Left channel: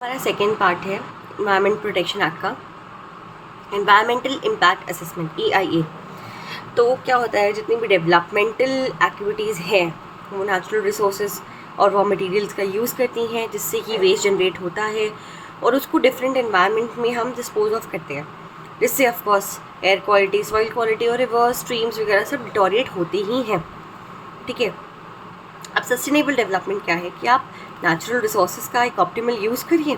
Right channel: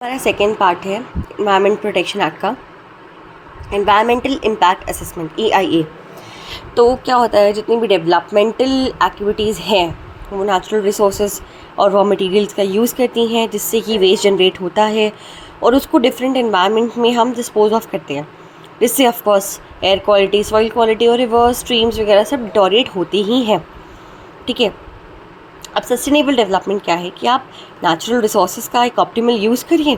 हमारा second part है environment protection act का, एनवायरमेंटल इम्पैक्ट असेसमेंट EIA। तो क्या होता है, जितनी भी डेवलपमेंटल एक्टिविटीज़ हैं वो नेचुरल रिसोर्सेज और रॉ मटेरियल्स का यूज़ करती हैं, जिससे कि वेस्ट जनरेट होता है और उसको डिफरेंट एनवायरनमेंट में हम डिस्पोज ऑफ करते हैं, जिससे of course air quality, soil quality और रिवर स्ट्रीम्स वगैरह सब डिटोरिएट होती ही हैं। ठीक है, अब सस्टेनेबल डेवलपमेंट क्या है कि आप नेचुरल रिसोर्सेज का एक ऑप्टिमल यूज़ करिए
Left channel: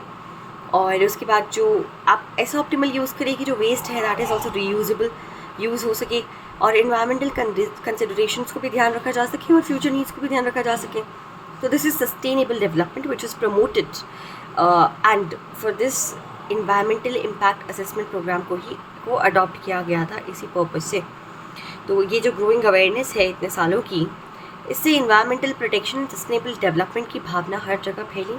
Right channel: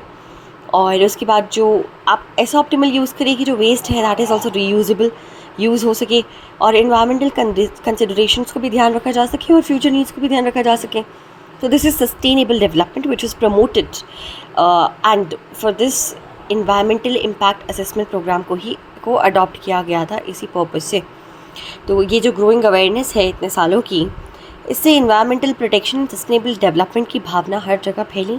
और उसके बाद जो आप ऐसा ऑप्टिमल यूज़ करिए कि जो वेस्ट है that is also reusable use हो सके और इन्वायरमेंटल कंसिडरेशंस को भी ध्यान रखा जा सके और फ्यूचर नीड्स को भी ध्यान रखा जा सके। तो this is sustainable development which is promoted and for this environmental impact assessment programme को अडॉप्ट किया गया था इसी पर्पज़ से। तो ये जो ग्रोइंग अवेयरनेस है इतने सालों की, इससे इन्वायरमेंटल प्रोटेक्शन, सस्टेनेबल डेवलपमेंट की भावना हर जगह फैली,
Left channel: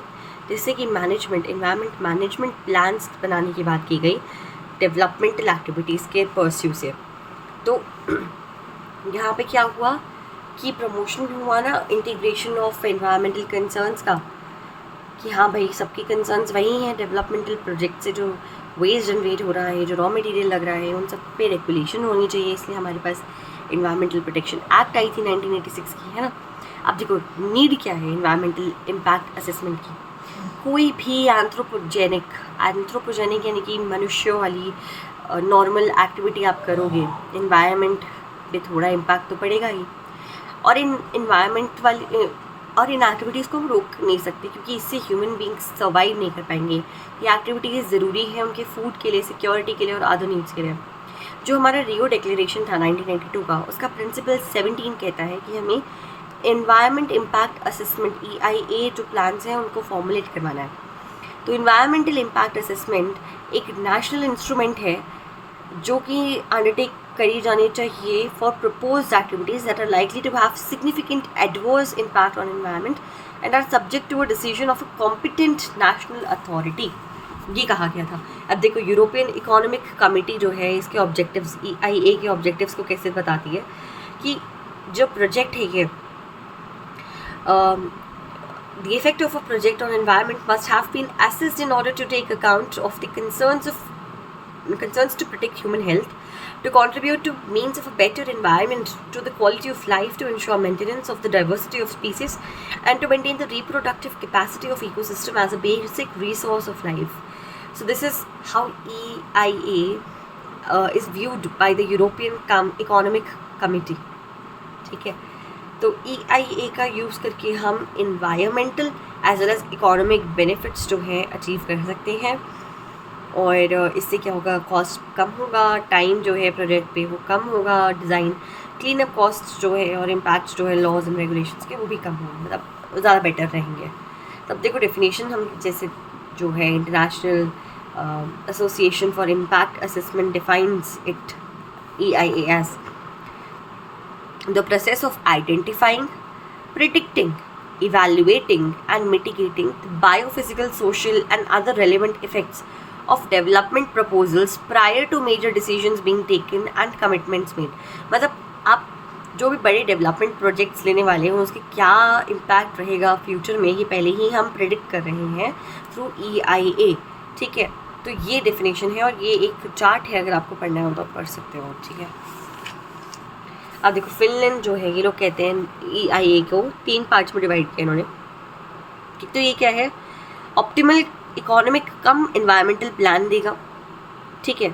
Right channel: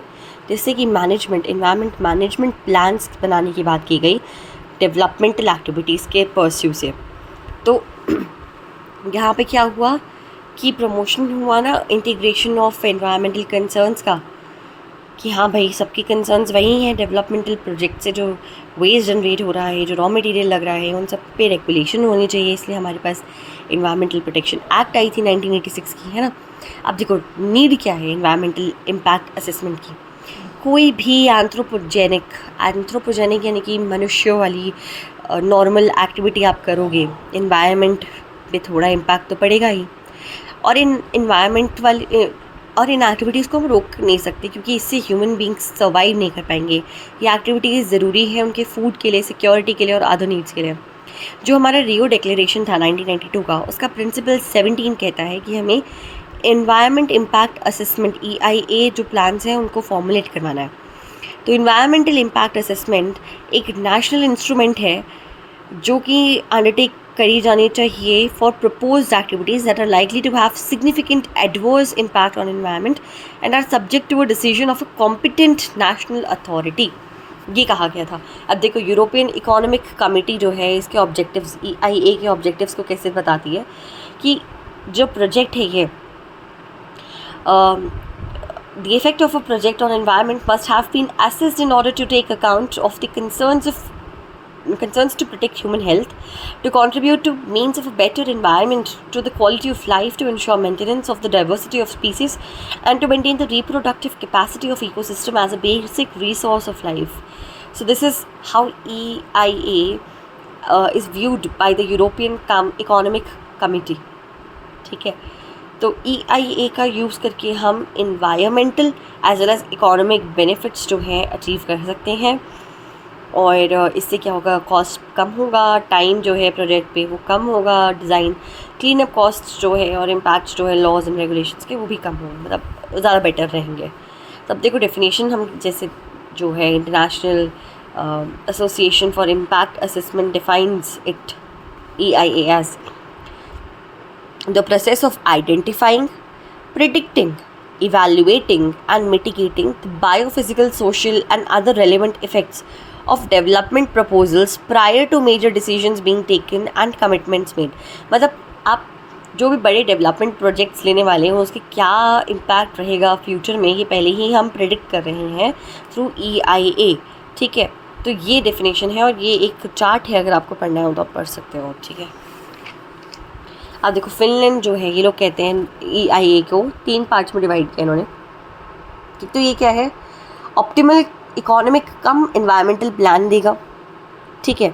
जिससे कि इन्वायरमेंट मैनेजमेंट प्लान्स बनाने की बात की गई डेवलपमेंटल एक्टिविटीज़ के परस्यू से। तो यहाँ पे क्या हुआ कि प्रमोशन हुआ ना इंटीग्रेशन ऑफ एनवायरमेंटल कंसर्न्स का, कि हाँ भाई सबकी कंसर्न्स वही हैं डेवलपमेंटल प्रोजेक्ट से जो वेस्ट जनरेट हो रहा है, जो रॉ मटेरियल लग रहा है, उन सब पे रेगुलेशन होनी चाहिए। इसलिए हमारे पास इन्वायरमेंटल प्रोटेक्शन एक्ट आई थी 1986 की, है ना। अब देखो नीड क्या है इन्वायरमेंटल इम्पैक्ट असेसमेंट की। कोई भी एंथ्रोपोजेनिक यानी कि मनुष्यों वाली नॉर्मल एक्टिविटी आप करोगे, इन्वायरमेंट पे थोड़ा इम्पैक्ट तो पड़ेगा ही। और इन एक्टिविटीज़ को हम रोक नहीं सकते, क्योंकि इससे ह्यूमन बींग्स सर्वाइव नहीं कर पाएंगे। ये एक्टिविटीज़ ज़रूरी है उनके फूड के लिए, सिक्योरिटी के लिए और अदर नीड्स के लिए। जो हमारा रियो डिक्लेरेशन था 1992 का, उसका प्रिंसिपल 17 कहता है कि हमें एनवायरनमेंट इम्पैक्ट असेसमेंट EIA जो प्लान्स हैं उनको फॉर्मुलेट करवाना है। तो इन्वायरमेंटल इम्पैक्ट असेसमेंट एक नेशनल इंस्ट्रूमेंट है जो कि अंडरटेक करी जानी चाहिए for proposed activities that are likely to have significant adverse impact on environment and are subject to a decision of a competent national authority, ये कहा गया था। अब देखो यूरोपियन इकोनॉमिक कमेटी जो है, इसके ऑब्जेक्टिव्स, EIA के ऑब्जेक्टिव्स को कैसे बताती है कि जो प्रोजेक्ट है ये the effect of a project on environment must have been assessed in order to take account of the concerns to protect human health, to contribute to means of a better environment, to the quality of life, to ensure maintenance of the diversity of species, and to maintain the reproductive capacity of ecosystem as a basic resource of life. So this is how EIA is viewed by the European Economic Committee. ठीक है, तो EIA का use करके हम environmental as well as economic benefits जो हैं achieve कर सकते हैं। और इससे क्या होगा, कॉस्ट कम होगा, टाइम जो है प्रोजेक्ट पे वो कम होगा, डिज़ाइन क्लीन अप कॉस्ट जो है और इम्पैक्ट जो है लॉज एंड रेगुलेशंस के वो भी कम होंगे, मतलब ज़्यादा बेटर रहेंगे। तब देखो डेफिनेशन हम जैसे जो है international association for impact assessment defines it EIA as the process of identifying, predicting, evaluating and mitigating the biophysical, social and other relevant effects of development proposals prior to major decisions being taken and commitments made। मतलब आप जो भी बड़े development projects लेने वाले हैं उसके क्या इम्पैक्ट रहेगा फ्यूचर में, ये पहले ही हम प्रेडिक्ट कर रहे हैं थ्रू EIA। ठीक है, तो ये डेफिनेशन है और ये एक चार्ट है, अगर आपको पढ़ना हो तो आप पढ़ सकते हो। ठीक है, अब देखो फिनलैंड जो है, ये लोग कहते हैं EIA को 3 पार्ट्स में डिवाइड किया इन्होंने। तो ये क्या है, ऑप्टिमल इकोनॉमिक कम एनवायरमेंटल प्लान देगा। ठीक है,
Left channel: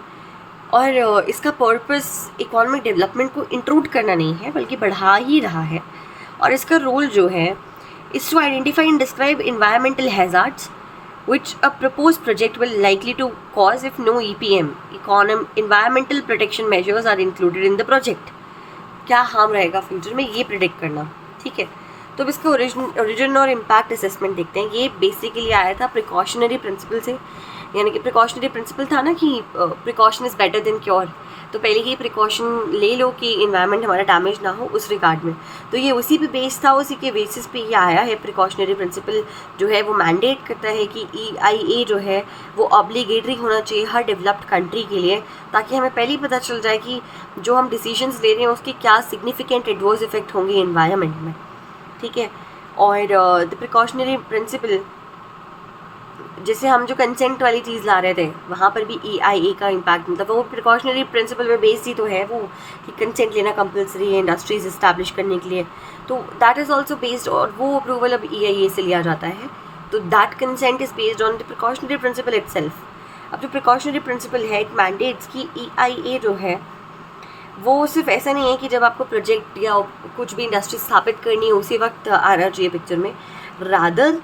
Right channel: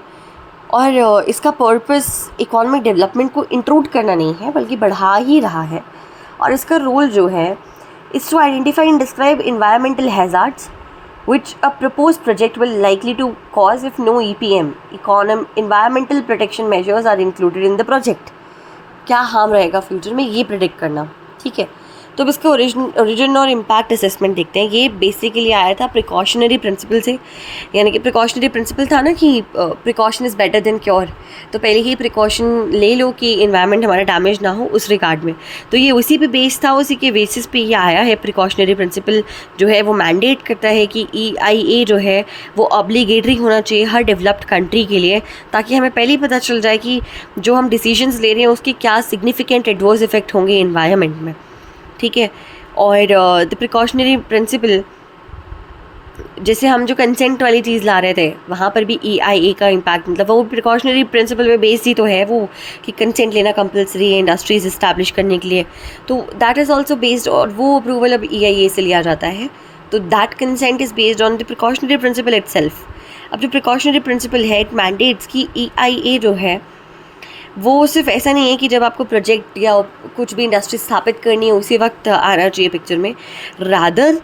और इसका पर्पस इकोनॉमिक डेवलपमेंट को इंक्लूड करना नहीं है बल्कि बढ़ा ही रहा है। और इसका रोल जो है is to identify and describe environmental hazards which a proposed project will likely to cause if no EPM environmental protection measures are included in the project। क्या हार्म रहेगा फ्यूचर में, ये प्रेडिक्ट करना। ठीक है, तो अब इसका ओरिजिन और इम्पैक्ट असेसमेंट देखते हैं। ये बेसिकली आया था प्रिकॉशनरी प्रिंसिपल से, यानी कि प्रिकॉशनरी प्रिंसिपल था ना कि precaution is better than cure. तो पहले ही प्रिकॉशन ले लो कि इन्वायरमेंट हमारा डैमेज ना हो उस रिगार्ड में। तो ये उसी पे बेस था, उसी के बेसिस पे ये आया है। प्रिकॉशनरी प्रिंसिपल जो है वो मैंडेट करता है कि EIA जो है वो ऑब्लिगेटरी होना चाहिए हर डेवलप्ड कंट्री के लिए, ताकि हमें पहले ही पता चल जाए कि जो हम डिसीजंस ले रहे हैं उसके क्या सिग्निफिकेंट एडवर्स इफेक्ट होंगे इन्वायरमेंट में। ठीक है, और द प्रिकॉशनरी प्रिंसिपल जैसे हम जो कंसेंट वाली चीज़ ला रहे थे, वहाँ पर भी EIA का इम्पैक्ट, मतलब वो प्रिकॉशनरी प्रिंसिपल पे बेस्ड ही तो है वो, कि कंसेंट लेना कंपलसरी है इंडस्ट्रीज इस्टेब्लिश करने के लिए, तो दैट इज़ ऑल्सो बेस्ड, और वो अप्रूवल अब EIA से लिया जाता है, तो that consent is based on the precautionary principle itself. अब जो प्रिकॉशनरी प्रिंसिपल है, इट मैंडेट्स की EIA जो है वो सिर्फ ऐसा नहीं है कि जब आपको प्रोजेक्ट या कुछ भी इंडस्ट्री स्थापित करनी है उसी वक्त आना चाहिए पिक्चर में, रादर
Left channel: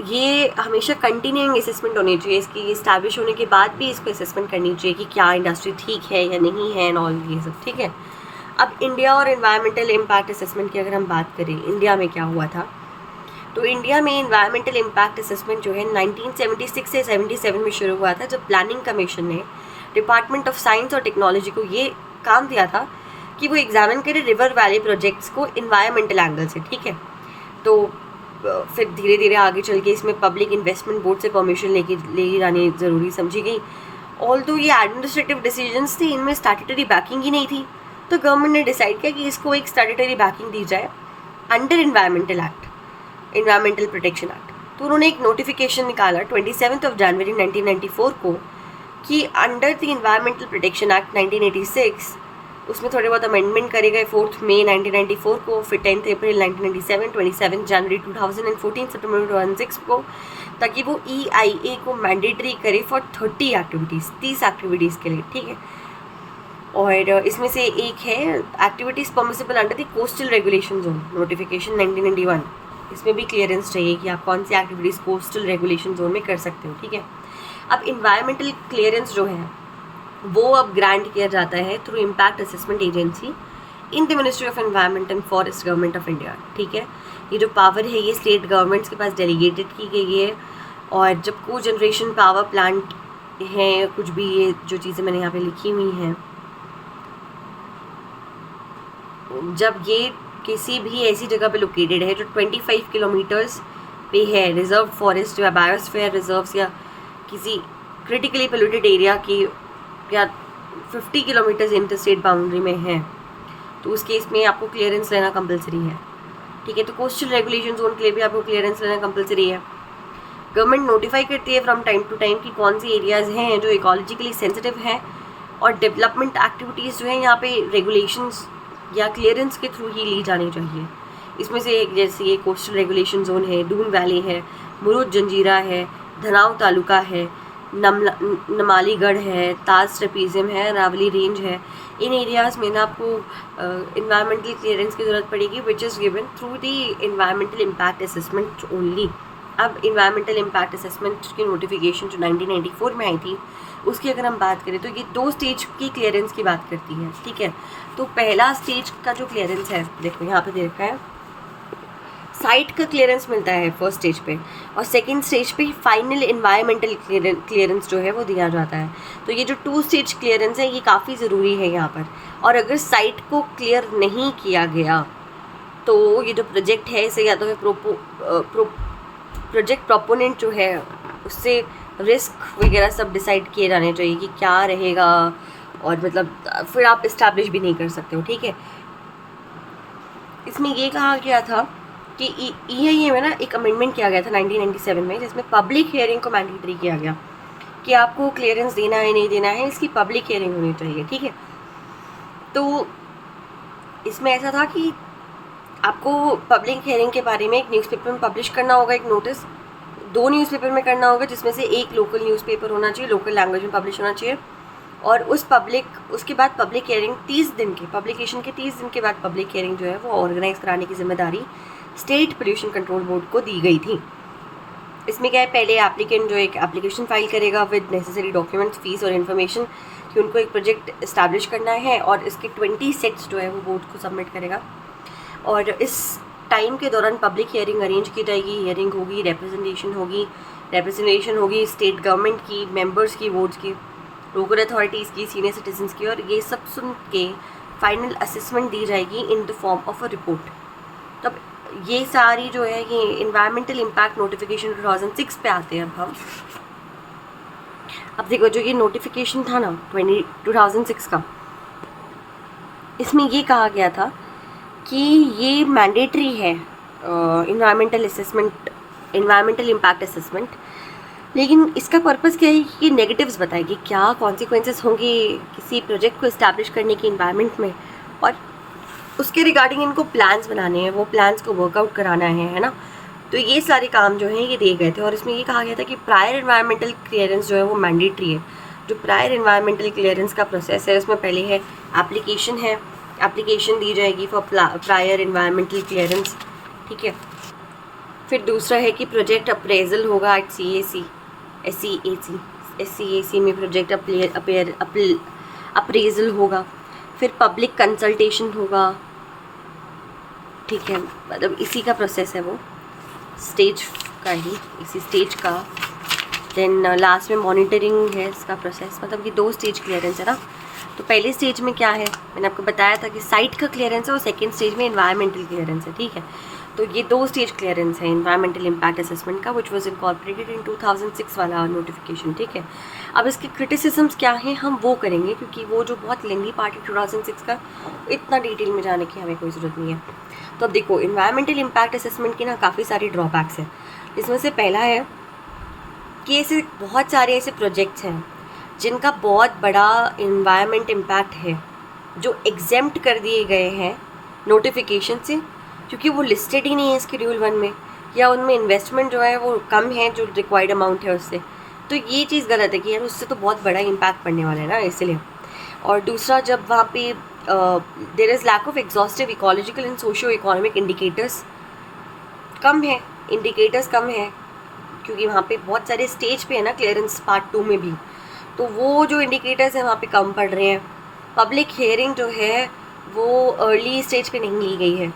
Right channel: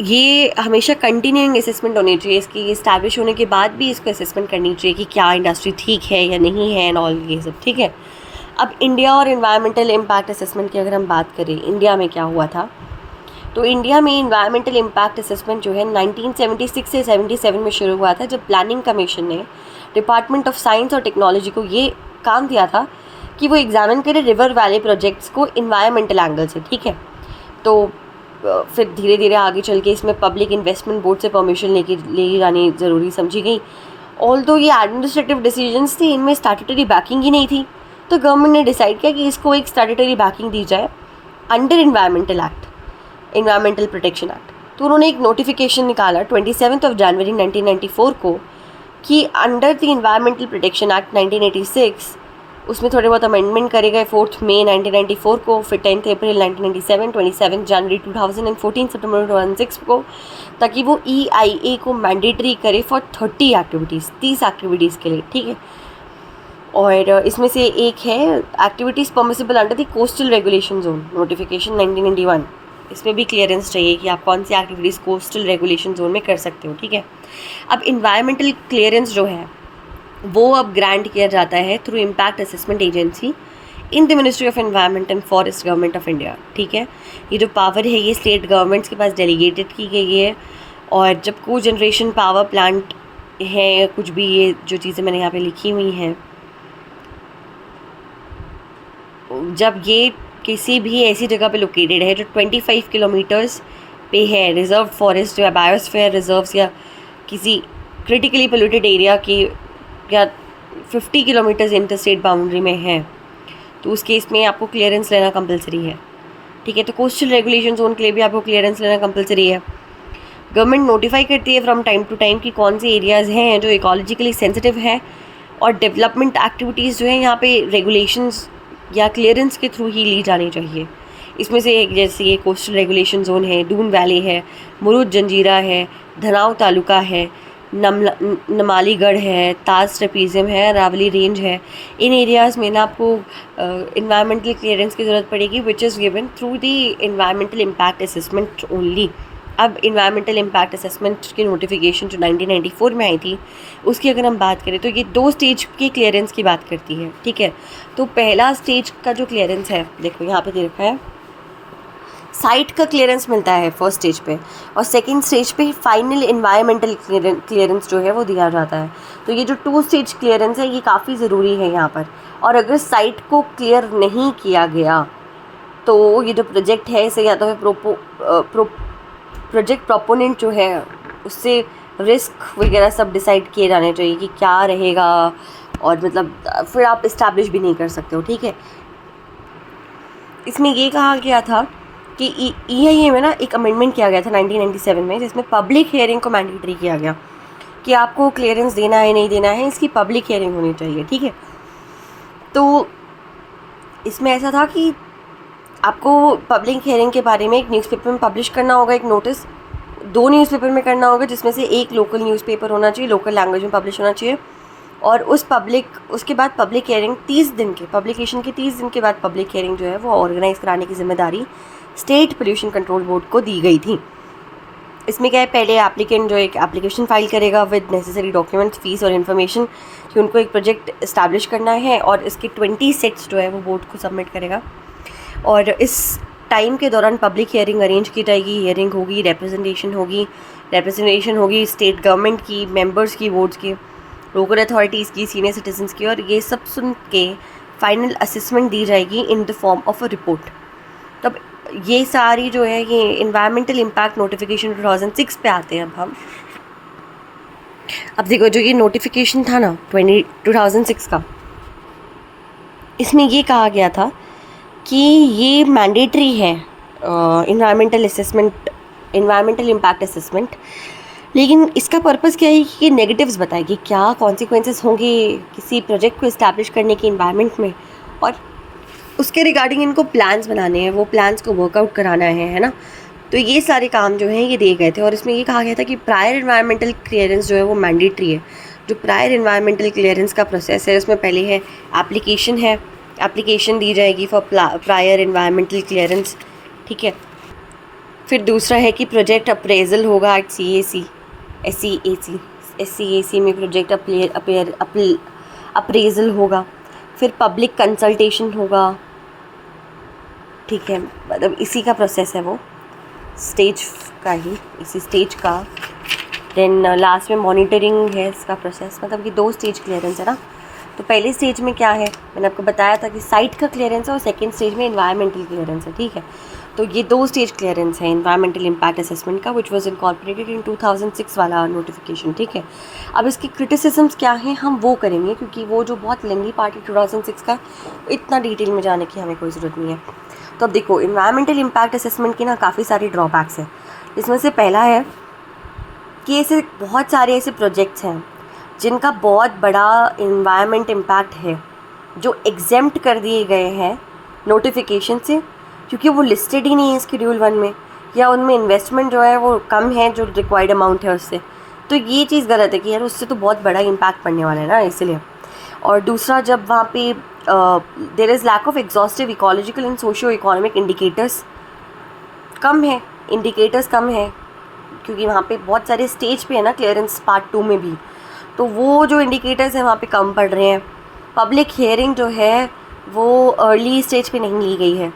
ये हमेशा कंटिन्यूइंग असेसमेंट होनी चाहिए इसकी, इस्टेब्लिश होने के बाद भी इसको असेसमेंट करनी चाहिए कि क्या इंडस्ट्री ठीक है या नहीं है एंड ऑल ये सब, ठीक है। अब इंडिया और इन्वायरमेंटल इम्पैक्ट असेसमेंट की अगर हम बात करें, इंडिया में क्या हुआ था, तो इंडिया में इन्वायरमेंटल इम्पैक्ट असेसमेंट जो है 1976 से 77 में शुरू हुआ था, जब प्लानिंग कमीशन ने डिपार्टमेंट ऑफ साइंस और टेक्नोलॉजी को ये काम दिया था कि वो एग्जामिन करे रिवर वैली प्रोजेक्ट्स को इन्वायरमेंटल एंगल से, ठीक है। तो फिर धीरे धीरे आगे चल के इसमें पब्लिक इन्वेस्टमेंट बोर्ड से परमिशन लेके जानी ज़रूरी समझी गई। ऑल्दो ये एडमिनिस्ट्रेटिव डिसीजंस थे, इनमें स्टैट्यूटरी बैकिंग ही नहीं थी, तो गवर्नमेंट ने डिसाइड किया कि इसको एक स्टैट्यूटरी बैकिंग दी जाए under environmental act, environmental protection act. तो उन्होंने एक नोटिफिकेशन निकाला 27 जनवरी 1994 को कि under the environmental protection act 1986, उसमें थोड़े बहुत अमेंडमेंट करे गए 4 मई 1994 को, फिर 10 अप्रैल 1997, 27 जनवरी 2014, सितंबर 2006 को, ताकि वो EIA को मैंडेटरी करे फॉर 30 एक्टिविटीज़, 30 एक्टिविटीज़ के लिए, ठीक है। और इसमें से एक है activities permissible under the coastal regulation zone, notification 1991। इसमें भी क्लियरेंस चाहिए कि आप कौन सी एक्टिविटीज़ कोस्टल रेगुलेशन जोन में कर सकते हो, ठीक है। अब इन्वायरमेंटल क्लियरेंस जो है वो अब ग्रांट किया जाता है through impact assessment agency in the ministry of environment and forest government of India, ठीक है। ये जो पावर है ये स्टेट गवर्नमेंट्स के पास डेलीगेटेड की गई है, और जब को जनरेशन पावर प्लांट है, कुछ भी ये जो चीज़ें मैंने यहाँ पे लिखी हुई हैं, जब ये किसी भी ऐसी जगह पे लोकेटेड है जो 25 किलोमीटर्स पे है, रिजर्व फॉरेस्ट या बायोस्फीयर रिजर्व्स या किसी क्रिटिकली पोल्यूटेड एरिया की, या 50 किलोमीटर्स इंटर स्टेट बाउंड्री में है, तो उस केस में आपको क्लियरेंस लेना कंपलसरी है, ठीक है। तो कोस्टल रेगुलेशन जोन के लिए भी आपको क्लियरेंस लेना कंपलसरी है। गवर्नमेंट नोटिफाई करती है फ्रॉम टाइम टू टाइम कि कौन से एरियाज़ हैं जो इकोलॉजिकली सेंसिटिव है, और डेवलपमेंट एक्टिविटीज़ जो है यहाँ पे रेगुलेशंस या क्लियरेंस के थ्रू ही ली जानी चाहिए। इसमें से जैसे ये कोस्टल रेगुलेशन जोन है, दून वैली है, मुरुद जंजीरा है, धनाव तालुका है, नमालीगढ़ है, ताज ट्रेपीजियम है, रावली रेंज है। इन एरियाज़ में ना आपको इन्वायरमेंटल क्लियरेंस की ज़रूरत पड़ेगी, which is given through the environmental impact assessment only. अब इन्वायरमेंटल इम्पैक्ट असेसमेंट की नोटिफिकेशन जो 1994 में आई थी, उसकी अगर हम बात करें तो ये 2 स्टेज की क्लियरेंस की बात करती है, ठीक है। तो पहला स्टेज का जो क्लियरेंस है, देखो यहाँ पे देखा है, साइट का क्लियरेंस मिलता है फर्स्ट स्टेज पे, और सेकंड स्टेज पे फाइनल इन्वायरमेंटल क्लियरेंस जो है वो दिया जाता है। तो ये जो 2 स्टेज क्लियरेंस है ये काफ़ी ज़रूरी है यहाँ पर, और अगर साइट को क्लियर नहीं किया गया तो ये जो प्रोजेक्ट है इसे या तो प्रोजेक्ट प्रोपोनेंट जो है उससे रिस्क वगैरह सब डिसाइड किए जाने चाहिए कि क्या रहेगा, और मतलब फिर आप इस्टेब्लिश भी नहीं कर सकते हो, ठीक है। इसमें ये कहा गया था कि EIA में ना एक अमेंडमेंट किया गया था 1997 में, जिसमें पब्लिक हियरिंग को मैंडेटरी किया गया कि आपको क्लियरेंस देना है नहीं देना है, इसकी पब्लिक हियरिंग होनी चाहिए, ठीक है। तो इसमें ऐसा था कि आपको पब्लिक हियरिंग के बारे में एक न्यूज़पेपर में पब्लिश करना होगा, एक नोटिस 2 न्यूज़पेपर में करना होगा, जिसमें से एक लोकल न्यूज़पेपर होना चाहिए, लोकल लैंग्वेज में पब्लिश होना चाहिए, और उसके बाद पब्लिक हियरिंग 30 दिन के पब्लिकेशन के 30 दिन के बाद पब्लिक हियरिंग जो है वो ऑर्गेनाइज़ कराने की जिम्मेदारी स्टेट पोल्यूशन कंट्रोल बोर्ड को दी गई थी। इसमें क्या है, पहले एप्लीकेंट जो एक एप्लीकेशन फाइल करेगा विद नेसेसरी डॉक्यूमेंट्स, फीस और इन्फॉर्मेशन कि उनको एक प्रोजेक्ट इस्टेब्लिश करना है, और इसके 20 सेट्स जो है वो बोर्ड को सबमिट करेगा, और इस टाइम के दौरान पब्लिक हियरिंग अरेंज की जाएगी, हियरिंग होगी, रिप्रेजेंटेशन होगी स्टेट गवर्नमेंट की, मेंबर्स की, बोर्ड्स की, लोकल अथॉरिटीज़ की, सीनियर सिटीजन्स की, और ये सब सुन के फाइनल असेसमेंट दी जाएगी in the form of a report. तब ये सारी जो है ये इन्वायरमेंटल इम्पैक्ट नोटिफिकेशन 2006 पे आते हैं। अब देखो जो ये नोटिफिकेशन था ना 2006 का, इसमें ये कहा गया था कि ये मैंडेटरी है इन्वायरमेंटल इम्पैक्ट असेसमेंट, लेकिन इसका पर्पस क्या है कि ये नेगेटिव्स बताए कि क्या कॉन्सिक्वेंसेस होंगे किसी प्रोजेक्ट को इस्टेब्लिश करने के इन्वायरमेंट में, और उसके रिगार्डिंग इनको प्लान्स बनाने हैं, वो प्लान्स को वर्कआउट कराना है ना। तो ये सारे काम जो हैं ये दिए गए थे, और इसमें ये कहा गया था कि प्रायर इन्वायरमेंटल क्लियरेंस जो है वो मैंडेटरी है। जो प्रायर इन्वायरमेंटल क्लियरेंस का प्रोसेस है उसमें पहले है एप्लीकेशन है, एप्लीकेशन दी जाएगी फॉर प्रायर इन्वायरमेंटल क्लियरेंस, ठीक है। फिर दूसरा है कि प्रोजेक्ट अप्रेजल होगा एट SCAC में प्रोजेक्ट अप्रेजल होगा। फिर पब्लिक कंसल्टेशन होगा, ठीक है, मतलब इसी का प्रोसेस है वो, स्टेज का ही, इसी स्टेज का। देन लास्ट में मॉनिटरिंग है इसका प्रोसेस, मतलब कि 2 स्टेज क्लियरेंस है ना। तो पहले स्टेज में क्या है, मैंने आपको बताया था कि साइट का क्लियरेंस है, और सेकेंड स्टेज में इन्वायरमेंटल क्लियरेंस है, ठीक है। तो ये 2 स्टेज क्लियरेंस है इन्वायरमेंटल इम्पैक्ट असेसमेंट का, विच वॉज इनकॉर्पोरेटेड इन 2006 वाला नोटिफिकेशन, ठीक है। अब इसके क्रिटिसिजम्स क्या हैं हम वो करेंगे, क्योंकि वो जो बहुत लेंदी पार्ट है 2006 का, इतना डिटेल में जाने की हमें कोई ज़रूरत नहीं है। तो अब देखो, इन्वायरमेंटल इम्पैक्ट असेसमेंट के ना काफ़ी सारे ड्रॉबैक्स हैं। इसमें से पहला है कि ऐसे बहुत सारे ऐसे प्रोजेक्ट्स हैं जिनका बहुत बड़ा इन्वायरमेंट इम्पैक्ट है, जो एग्जेम्प्ट कर दिए गए हैं नोटिफिकेशन से, क्योंकि वो लिस्टेड ही नहीं है शेड्यूल 1 में, या उनमें इन्वेस्टमेंट जो है वो कम है जो रिक्वायर्ड अमाउंट है उससे। तो ये चीज़ गलत है कि यार उससे तो बहुत बड़ा इम्पैक्ट पड़ने वाला है ना, इसलिए। और दूसरा, जब वहाँ पे there is lack of exhaustive ecological and socio economic indicators, कम है इंडिकेटर्स, कम है, क्योंकि वहाँ पे बहुत सारे स्टेज पे है ना क्लियरेंस पार्ट 2 में भी, तो वो जो इंडिकेटर्स हैं वहाँ पे कम पड़ रहे हैं। पब्लिक हियरिंग जो है वो अर्ली स्टेज पे नहीं ली गई है,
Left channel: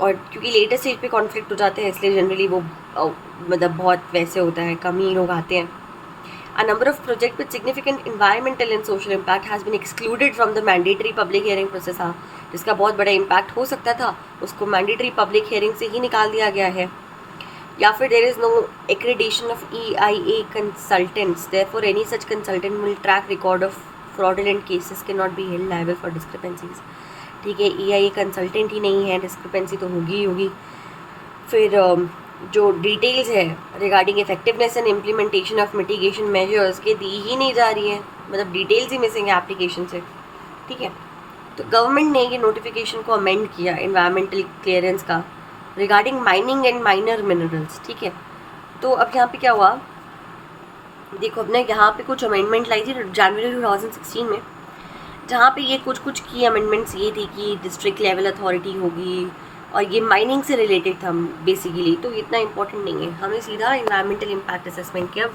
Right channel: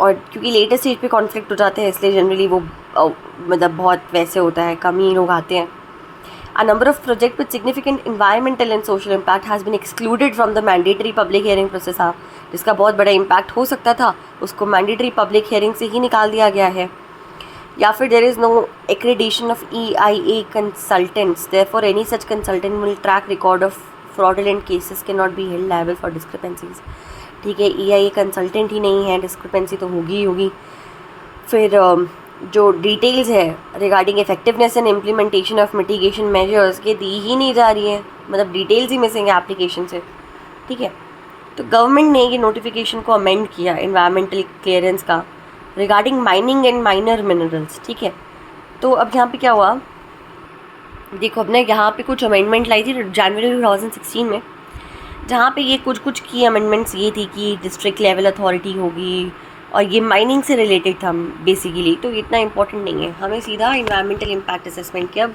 और क्योंकि लेटर स्टेज पे कॉन्फ्लिक्ट हो जाते हैं, इसलिए जनरली वो मतलब बहुत वैसे होता है, कम ही लोग आते हैं। A number of projects with significant environmental and social impact has been excluded from the mandatory public hearing process। हाँ, जिसका बहुत बड़ा इम्पैक्ट हो सकता था उसको मैंडेटरी पब्लिक हियरिंग से ही निकाल दिया गया है। या फिर there is no accreditation of EIA consultants, therefore any such consultant will track record of fraudulent cases can not be held liable for discrepancies, ठीक है। EIA कंसल्टेंट ही नहीं है, डिस्क्रिपेंसी तो होगी ही होगी। फिर जो डिटेल्स है regarding effectiveness and implementation of mitigation measures ये दी ही नहीं जा रही है, मतलब डिटेल्स ही मिसिंग है एप्लीकेशन से, ठीक है। तो गवर्नमेंट ने ये नोटिफिकेशन को अमेंड किया इन्वायरमेंटल क्लियरेंस का regarding mining and minor minerals, ठीक है। तो अब यहाँ पे क्या हुआ, देखो अपने यहाँ पे कुछ अमेंडमेंट लाई थी जनवरी 2016 में, जहाँ पे ये कुछ की अमेंडमेंट्स ये थी कि डिस्ट्रिक्ट लेवल अथॉरिटी होगी, और ये माइनिंग से रिलेटेड था बेसिकली, तो इतना इंपॉर्टेंट नहीं है, हमें सीधा इन्वायरमेंटल इम्पैक्ट असेसमेंट के अब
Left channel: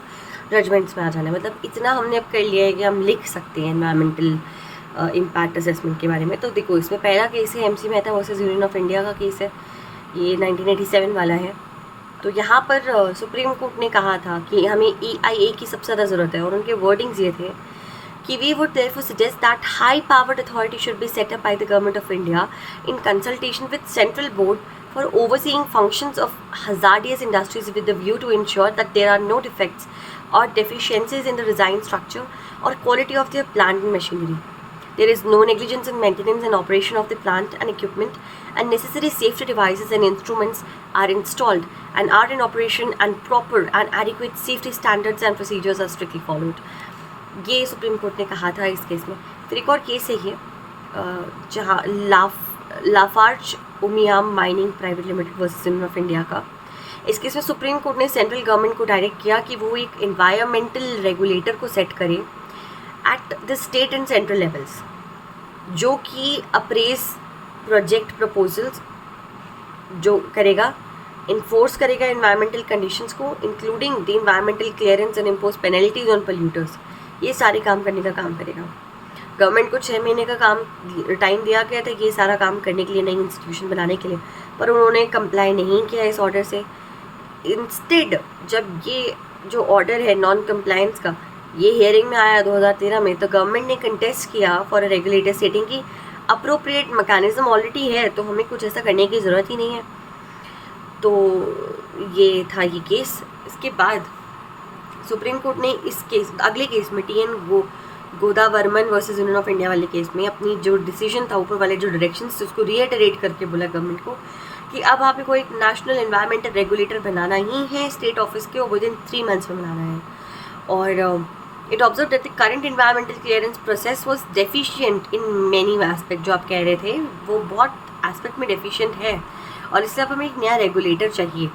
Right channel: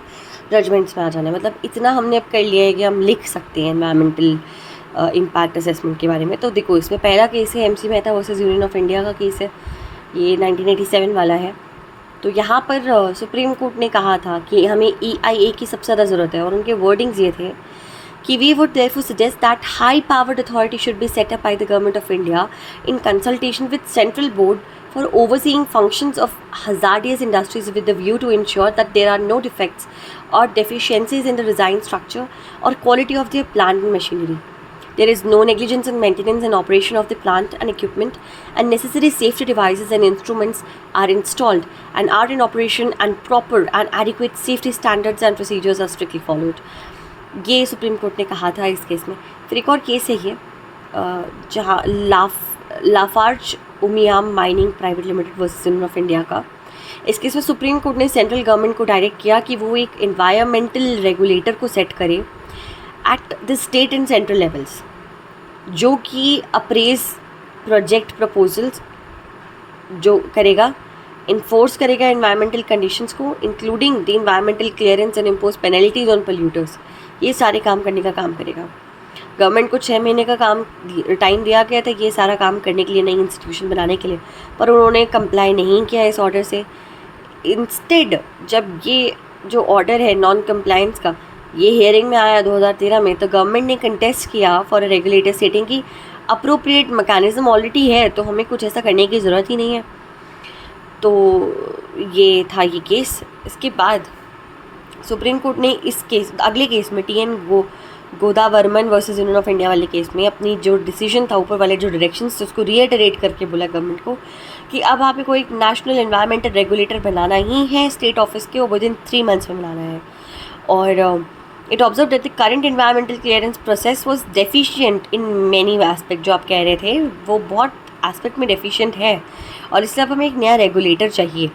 जजमेंट्स में आ जाना है। मतलब इतना हमने अब कर लिया है कि हम लिख सकते हैं इन्वायरमेंटल इम्पैक्ट असेसमेंट के बारे में। तो देखो, इसमें पहला केस है MC Mehta versus union of India का केस है, ये 1987 वाला है। तो यहाँ पर सुप्रीम कोर्ट ने कहा था कि हमें EIA की सबसे ज़्यादा ज़रूरत है, और उनके वर्डिंग्स ये थे कि we would therefore suggest that high-powered authority should be set up by the Government of India in consultation with Central Board for overseeing functions of hazardous industries with the view to ensure that there are no defects or deficiencies in the design structure or quality of their plant and machinery. There is no negligence in maintenance and operation of the plant and equipment, and necessary safety devices and instruments are installed and are in operation, and proper and adequate safety standards and procedures are strictly followed. ये supreme court ने कहा था इस case में। फिर एक और case है ये जहाँ Lafarge Umiam mining private limited versus union of India का। इस केस में सुप्रीम कोर्ट ने सेंट्रल गवर्नमेंट को डायरेक्ट किया कि वो एक इन्वायरमेंटल रेगुलेटर को सेट करे at the state and central levels, जो कि अप्रेज प्रोजेक्ट प्रपोजल्स जो करेगा, इन्फोर्स करेगा इन्वायरमेंटल कंडीशंस को, including the environmental clearance and impose penalties on polluters. ये सारे काम करने का काम करेगा। गवर्नमेंट को 6 महीने का काम टाइम दिया गया था ये सारा काम करने के लिए, नई इंस्टीट्यूशन बनाने के लिए, पर उन्होंने कंप्लाई नहीं किया इस ऑर्डर से। इंस्टेड जब ये जो ऑर्डर है नॉन कंप्लायंस का ये हियरिंग में आया 2013 में, तो गवर्नमेंट ने कंटेस्ट किया फॉर अ रेगुलेटर सेटिंग की अप्रोप्रिएट मैकेनिज्म ऑलरेडी है, तो हमें कुछ ऐसा करने की ज़रूरत ही नहीं है। तो ये था ये केस। इसके बाद सुप्रीम कोर्ट ने इस केस अगले केस में TN Godavarman versus union of India वाले केस में अपनी जो डिसीजन था, ऊपर वाले जो डायरेक्शंस थे, उसको रीइटरेट करके बोला गवर्नमेंट को कि अब आप को एक नेशनल एनवायरमेंटल रेगुलेटर बनाना ही है स्टेट ऑफिस के, और विद इन 3 months में बनाना है. और it observe that the current environmental clearance process was deficient in many aspect. जो आप कह रहे थे वो बहुत एस्पेक्ट में डेफिशिएंट है, और इसलिए अब हमें एक नया रेगुलेटर चाहिए.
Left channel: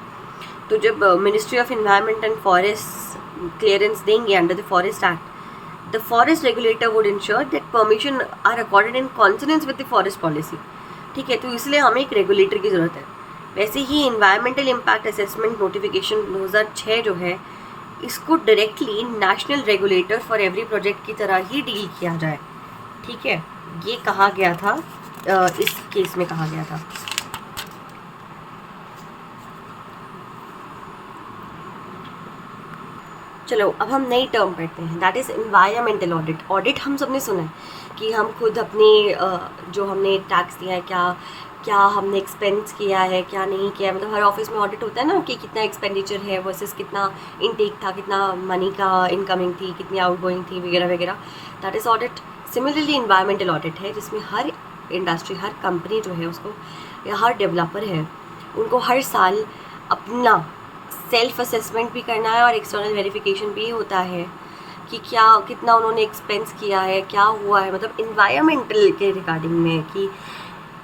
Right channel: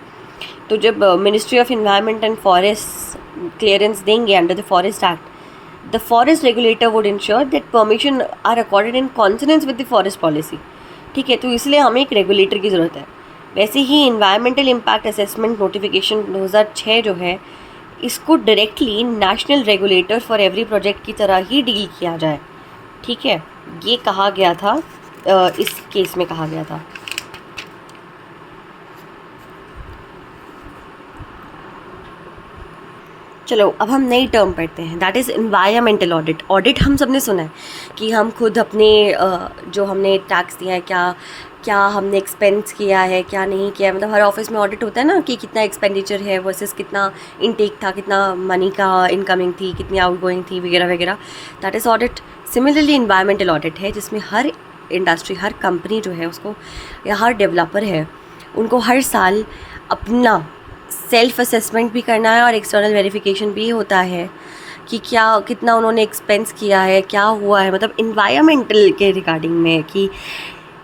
तो जब ministry of environment and forest clearance देंगे under the forest act, the forest regulator would ensure that permission are accorded in consonance with the forest policy. ठीक है, तो इसलिए हमें एक रेगुलेटर की ज़रूरत है. वैसे ही इन्वायरमेंटल इम्पैक्ट असेसमेंट नोटिफिकेशन 2006 जो है, इसको directly national regulator for every project की तरह ही डील किया जाए. ठीक है, ये कहा गया था, इस केस में कहा गया था. चलो अब हम नई टर्म पढ़ते हैं, that is environmental audit. Audit हम सब ने सुना है कि हम खुद अपने जो हमने टैक्स दिया है, क्या हमने एक्सपेंस किया है, क्या नहीं किया. मतलब हर ऑफिस में ऑडिट होता है ना, कि कितना एक्सपेंडिचर है वर्सेस कितना इनटेक था, कितना मनी का इनकमिंग थी, कितनी आउटगोइंग थी, वगैरह वगैरह. That is audit. Similarly environmental audit है, जिसमें हर इंडस्ट्री, हर कंपनी जो है उसको, या हर डेवलपर है, उनको हर साल अपना सेल्फ असेसमेंट भी करना है और एक्सटर्नल वेरिफिकेशन भी होता है कि कितना उन्होंने एक्सपेंस किया है, क्या हुआ है, मतलब इन्वायरमेंटल के रिगार्डिंग में, कि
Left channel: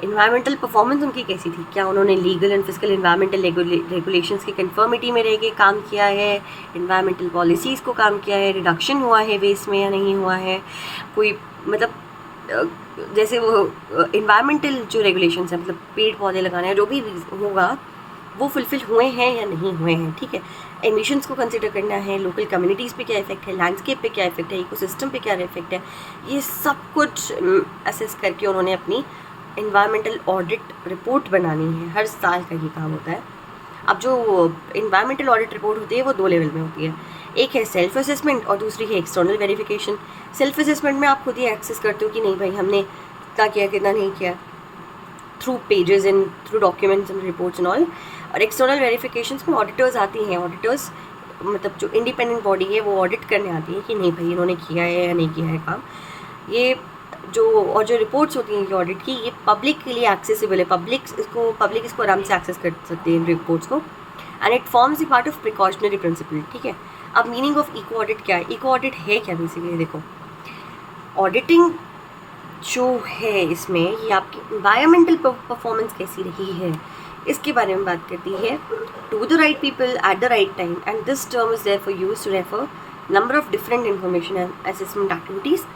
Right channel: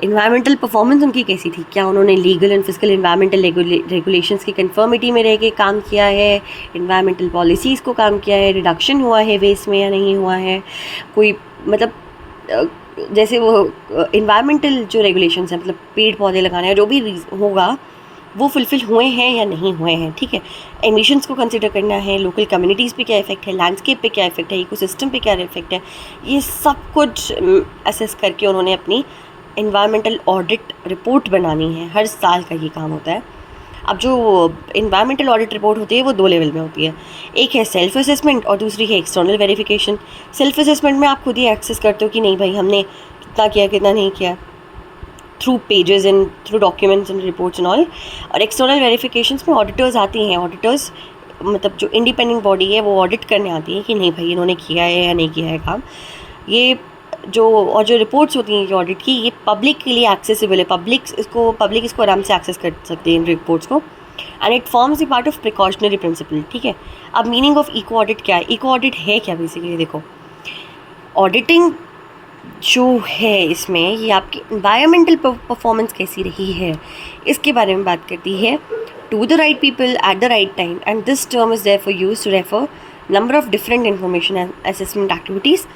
इन्वायरमेंटल परफॉर्मेंस उनकी कैसी थी, क्या उन्होंने legal and physical environmental regulations की कंफर्मिटी में रह के काम किया है, इन्वायरमेंटल पॉलिसीज़ को काम किया है, रिडक्शन हुआ है वेस्ट में या नहीं हुआ है, कोई मतलब जैसे वो इन्वायरमेंटल जो रेगुलेशंस हैं, मतलब पेड़ पौधे लगाना है, जो भी होगा वो फुलफ़िल हुए हैं या नहीं हुए हैं. ठीक है, एमिशंस को कंसिडर करना है, लोकल कम्युनिटीज़ पे क्या इफेक्ट है, लैंडस्केप पे क्या इफेक्ट है, इकोसिस्टम पे क्या इफेक्ट है, ये सब कुछ असेस करके उन्होंने अपनी इन्वायरमेंटल ऑडिट रिपोर्ट बनानी है. हर साल का ये काम होता है. अब जो इन्वायरमेंटल ऑडिट रिपोर्ट होती है वो 2 लेवल में होती है. एक है सेल्फ असेसमेंट और दूसरी है एक्सटर्नल वेरिफिकेशन. सेल्फ असेसमेंट में आप खुद ही एक्सेस करते हो कि नहीं भाई हमने कितना किया, कितना नहीं किया, through pages and through documents and reports and all. और एक्सटर्नल वेरिफिकेशंस में ऑडिटर्स आती हैं. ऑडिटर्स मतलब जो इंडिपेंडेंट बॉडी है वो ऑडिट करने आती है कि नहीं भाई इन्होंने किया है या नहीं किया है काम. ये जो रिपोर्ट्स होती हैं ऑडिट की, ये पब्लिक के लिए एक्सेसिबल है. पब्लिक इसको आराम से एक्सेस कर सकते हैं इन रिपोर्ट्स को. And it forms the part of precautionary principle. ठीक है, अब मीनिंग ऑफ इको ऑडिट क्या है? इको ऑडिट है क्या बेसिकली? देखो, ऑडिटिंग जो है इसमें ये आपकी इन्वायरमेंटल परफॉर्मेंस कैसी रही है इसके बारे में बात करती है. To the right people at the right time, and this term is there for use to refer number of different information and assessment activities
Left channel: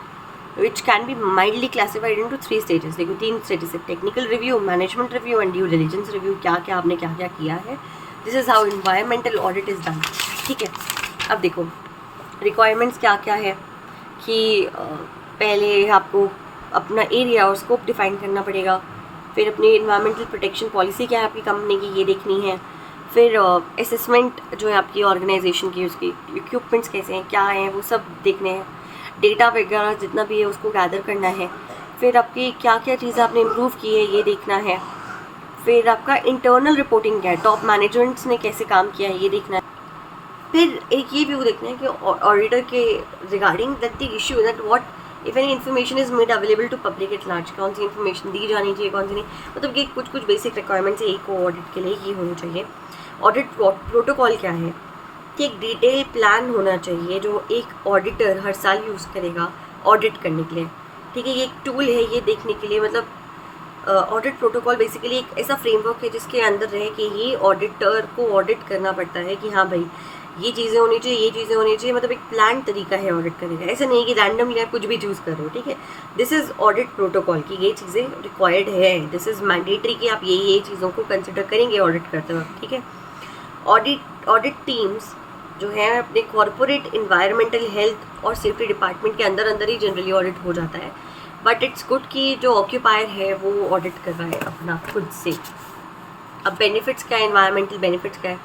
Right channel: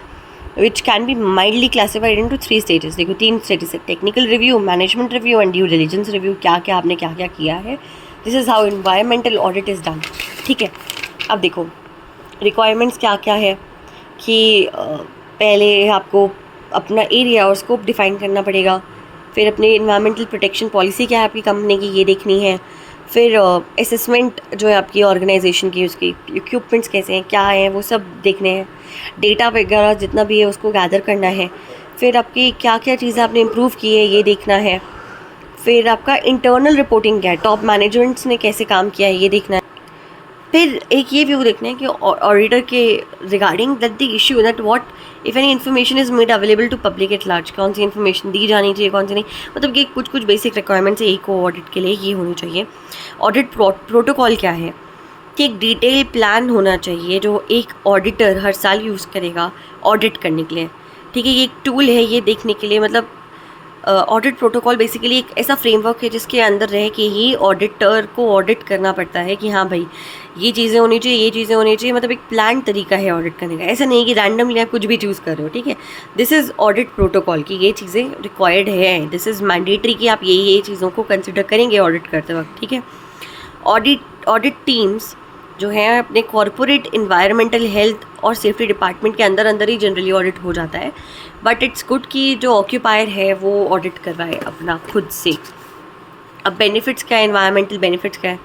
which can be mildly classified into 3 stages. देखो 3 stages है, technical review, management review and due diligence review. आपने क्या क्या किया है, this is how environmental audit is done. ठीक है, अब देखो रिक्वायरमेंट्स क्या क्या है कि पहले आपको अपना एरिया और स्कोप डिफाइन करना पड़ेगा. फिर अपनी इन्वायरमेंटल प्रोटेक्शन पॉलिसी क्या है आपकी कंपनी की, ये देखनी है. फिर असेसमेंट जो है आपकी ऑर्गेनाइजेशन की, उसकी इक्विपमेंट्स कैसे हैं, क्या हैं, वो सब देखने हैं. डेटा वगैरह जितना भी है उसको गैदर करना है. फिर आपकी क्या क्या चीज़ें आपने इम्प्रूव की है ये देखना है. फिर आपका इंटरनल रिपोर्टिंग क्या है, टॉप मैनेजमेंट्स ने कैसे काम किया है ये देखना है. फिर एक ये व्यू देखना है कि ऑडिटर के regarding that the issue that what if any information is made available to public at large, कौन सी इन्फॉर्मेशन दी जानी चाहिए, कौन सी नहीं. मतलब कि कुछ बेसिक रिक्वायरमेंट्स है इको ऑडिट के लिए, ये होनी चाहिए. ऑडिट प्रोटोकॉल क्या है कि एक डिटेल प्लान होना चाहिए जो एक ऑडिटर हर साल यूज़ करेगा ऑडिट करने के लिए. ठीक है, ये एक टूल है ये देखने के लिए. मतलब ऑडिट प्रोटोकॉल बेसिकली एक ऐसा फ्रेमवर्क है जिसके अंदर रह के ही ऑडिटर को ऑडिट करना पड़ता है कि हाँ भाई ये चीज़ें होनी चाहिए, ये चीज़ें होनी चाहिए. मतलब एक प्लान तरीका है ऑडिट करने का. ऐसा नहीं कि रैंडमली आप कुछ भी चूज़ कर रहे हो. ठीक है, दिस इज़ ऑडिट प्रोटोकॉल कि ये चीज़ें रिक्वायर्ड है, दिस इज़ मैंडेटरी कि आप ये चीज़ों को कंसिडर करेंगे ऑडिट करते वक्त. ठीक है, ऑडिट टीम्स जो है अपने कॉरपोरेट इन्वायरमेंटल हेल्थ और सेफ्टी डिपार्टमेंट के अंदर ही जनरली ऑडिट हो जाता है. बट इट्स गुड कि जो ऑक्यूपायर है वो ऑडिट कर रहा है अपना खुद से. अब बेनिफिट्स क्या है, इन्वायरमेंटल बेनिफिट्स क्या है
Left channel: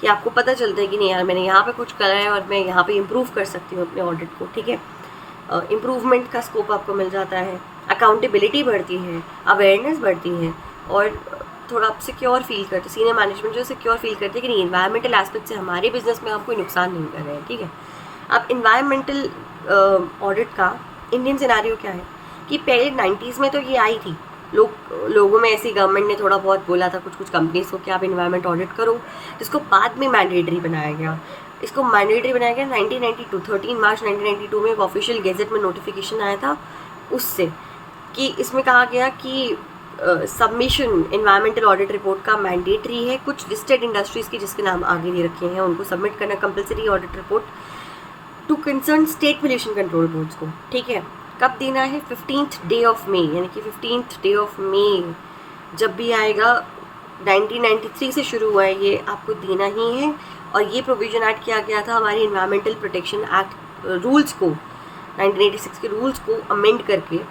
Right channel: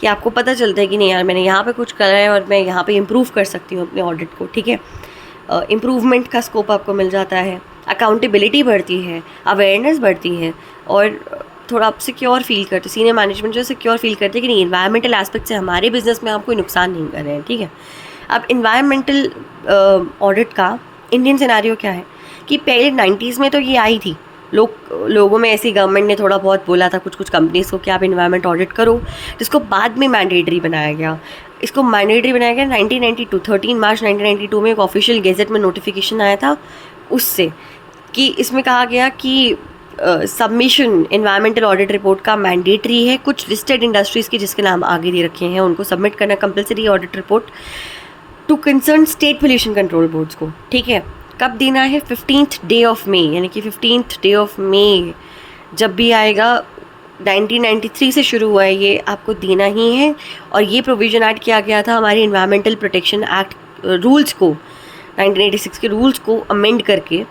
कि आपको पता चलता है कि नहीं यार मैंने यहाँ पे कुछ करा है और मैं यहाँ पे इम्प्रूव कर सकती हूँ अपने ऑडिट को. ठीक है, इम्प्रूवमेंट का स्कोप आपको मिल जाता है, अकाउंटेबिलिटी बढ़ती है, अवेयरनेस बढ़ती है, और थोड़ा आप सिक्योर फील करते, सीनियर मैनेजमेंट जो सिक्योर फील करते हैं कि नहीं इन्वायरमेंटल एस्पेक्ट से हमारे बिजनेस में आप कोई नुकसान नहीं कर रहे हैं. ठीक है, अब इन्वायरमेंटल ऑडिट का इंडियन सिनेरियो क्या है कि पहले 90s में तो ये आई थी, लोगों में ऐसी गवर्नमेंट ने थोड़ा बहुत बोला था कुछ कंपनीज को कि आप इन्वायरमेंट ऑडिट करो, जिसको बाद में मैंडेटरी बनाया गया। इसको मैंडेटरी बनाया गया 1992, 13 मार्च 1992 में एक ऑफिशियल गेजेट में नोटिफिकेशन आया था उससे, कि इसमें कहा गया कि सबमिशन इन्वायरमेंटल ऑडिट रिपोर्ट का मैंडेटरी है। कुछ लिस्टेड इंडस्ट्रीज़ की जिसके नाम आगे दे रखे हैं उनको सबमिट करना compulsory audit report to concern state pollution control boards को। ठीक है, कब देना है? 15th डे ऑफ मे, यानी कि 15th डे ऑफ मे जब भी आएगा, 1993 से शुरू हुआ है ये, आपको देना ही है। और ये प्रोविज़न ऐड किया गया था हमारे इन्वायरमेंटल प्रोटेक्शन एक्ट रूल्स को, 1986 के रूल्स को अमेंड करके,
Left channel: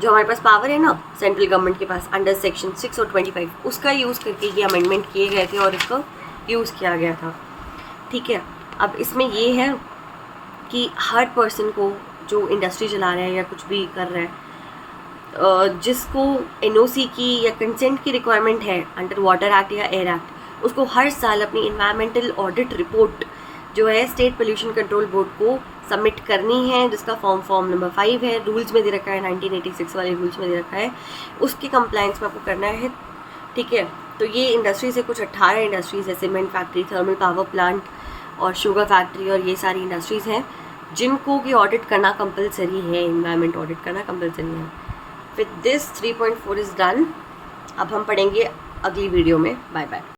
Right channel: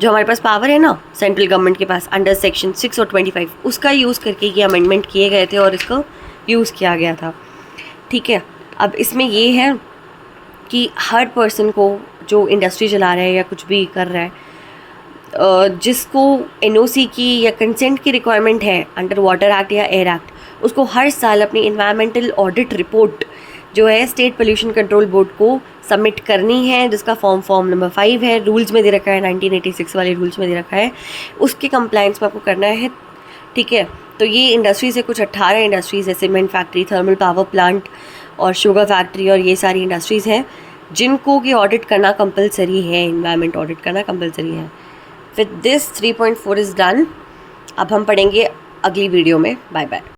जो हमारे पास पावर है ना सेंट्रल गवर्नमेंट के पास अंडर सेक्शन 6 और 25, उसका यूज़ करके ये अमेंडमेंट किए गए थे और इसको यूज़ किया गया था। ठीक है, अब इसमें ये है कि हर पर्सन को जो इंडस्ट्री चला रहा है या कुछ भी कर रहा है, जिसको एनओसी की या कंसेंट की रिक्वायरमेंट है अंडर वाटर एक्ट या एयर एक्ट, उसको हर साल अपनी इन्वायरमेंटल ऑडिट रिपोर्ट जो है स्टेट पोल्यूशन कंट्रोल बोर्ड को सबमिट करनी है, जिसका फॉर्म नंबर 5 है, रूल्स में दे रखा है, 1986 वाले रूल्स में दे रखा है, उसके कंप्लायंस में आपको करना है। ठीक है, तो ये इंडस्ट्रीज़ है, कुछ 18 इंडस्ट्रीज़ है, cement factory, thermal power plant और शुगर फैक्ट्री, और ये सारी इंडस्ट्रीज़ हैं जिनको कि ऑडिट करना कंपलसरी है, इन्वायरमेंट ऑडिट करना कंपलसरी है। With this 3.4 is done. अब हम पढ़ेंगे अगली वीडियो में। Bye bye.